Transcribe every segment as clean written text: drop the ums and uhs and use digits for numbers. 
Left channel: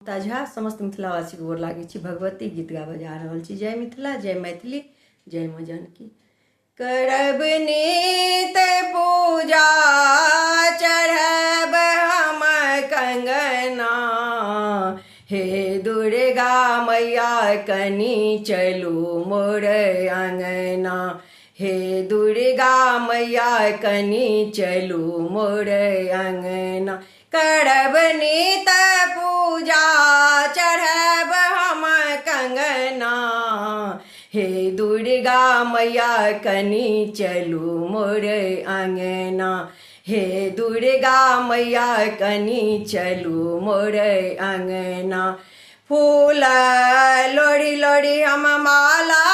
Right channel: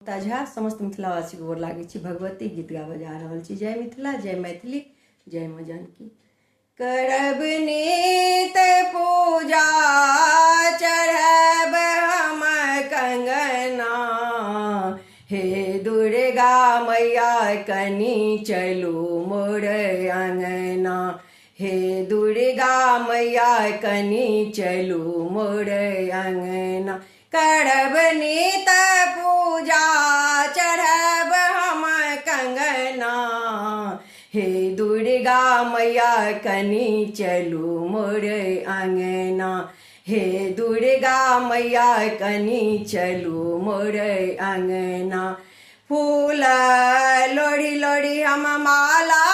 ताजा समस्त मिथिलावासी गोर लागे छी। भगवती गीत गाबऽ जा रहल छी। जय मिथिला, जय मैथिली, जय माँ जानकी। करब नित पूजा चढ़ब हम कंगना, हे दुर्गा मैया कनी चलू मोर अंगना, हे दुर्गा मैया कनी चलू मोर अंगना। करब नित पूजा चढ़ब हम कंगना, हे दुर्गा मैया कनी चलू मोर अंगना, हे दुर्गा मैया कनी चलू मोर अंगना। फूल लोढ़ी लोढ़ी हम माला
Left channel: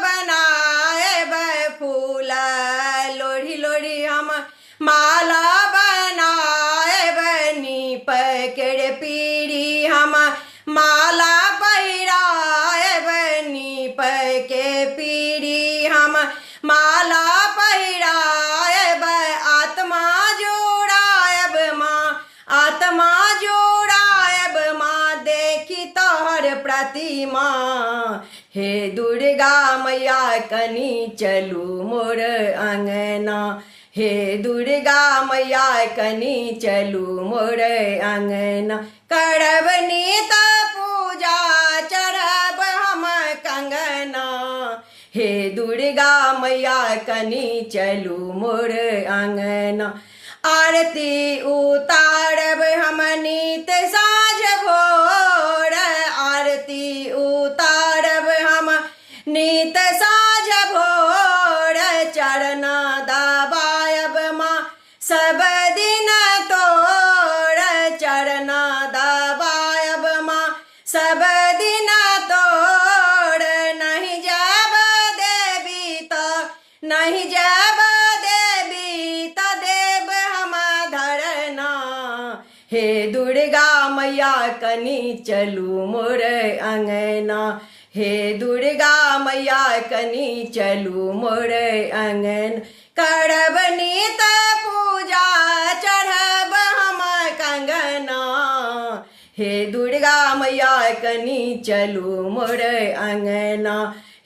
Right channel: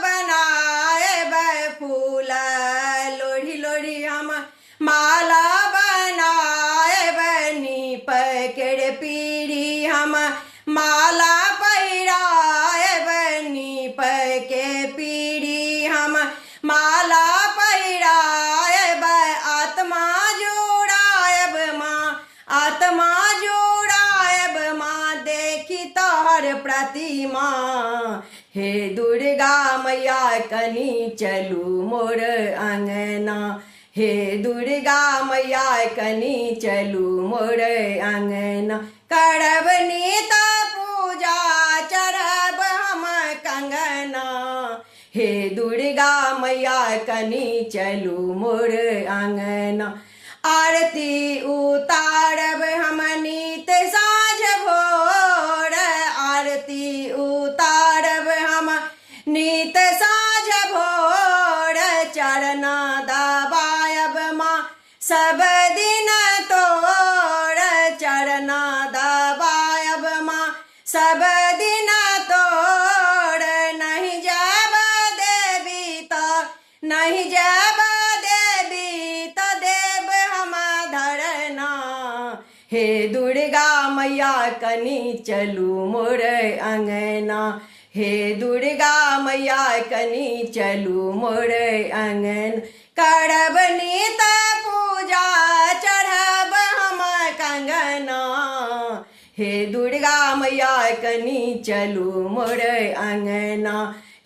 बनाएब, फूल लोढ़ी लोढ़ी हम माला बनाएब, नीप के पीढ़ी हम माला पहिराएब, नीप के पीढ़ी हम माला पहिराएब। आत्मा जोड़ाएब माँ, आत्मा जोड़ाएब माँ, देखी तोहर प्रतिमा, हे दुर्गा मैया कनी चलू मोर अंगना, हे दुर्गा मैया कनी चलू मोर अंगना। करब नित पूजा चढ़ब हम कंगना, हे दुर्गा मैया कनी चलू मोर अंगना। आरती उतारब हम नित साँझ भोर, आरती उतारब हम नित साँझ भोर, चरण दबायब माँ सब दिन तोर, चरण दबायब माँ सब दिन तोर। नहीं जब देवी तो नहीं जब देवी तो देव हम धरना, हे दुर्गा मैया कनी चलू मोर अंगना, हे दुर्गा मैया कनी चलू मोर अंगन। करब नित पूजा चढ़ब हम कंगना, हे दुर्गा मैया कनी चलू मोर अंगना,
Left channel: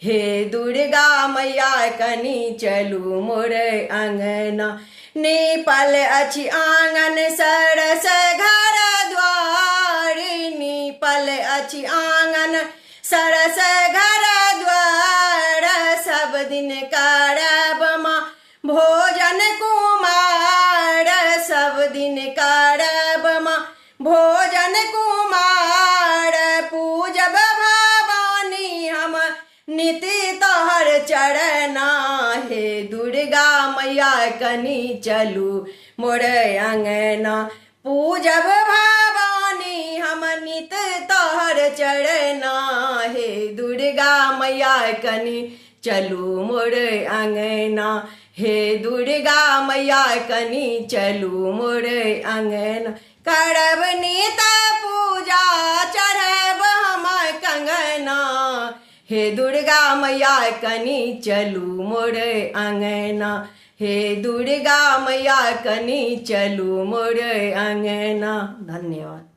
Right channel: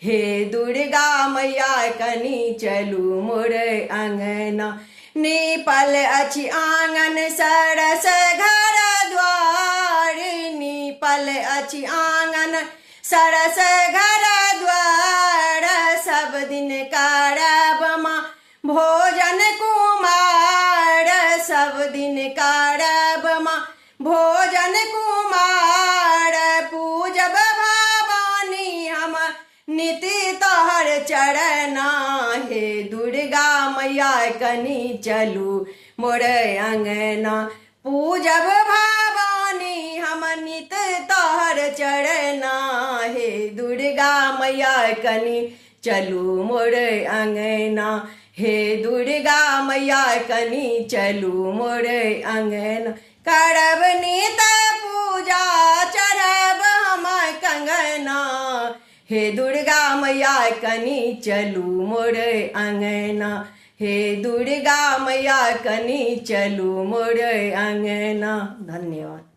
हे दुर्गा मैया कनी चलू मोर अंगना। नीपल अछि आंगन सरस घर द्वार, नीपल अछि आंगन सरस घर द्वार, सब दिन करब माँ भोजन कुमार, सब दिन करब माँ भोजन कुमार। पूजब भवानी हम निति तोहर चरना, हे दुर्गा मैया कनी चलू मोर अंगना। पूजब भवानी हम नित तोहर चरना, हे दुर्गा मैया कनी चलू मोर अंगना, हे दुर्गा मैया कनी चलू मोर अंगना। करब नित पूजा चढ़ब हम कंगना, हे दुर्गा मैया कनी चलू मोर अंगना, हे दुर्गा मैया कनी चलू मोर अंगना। धन्यवाद।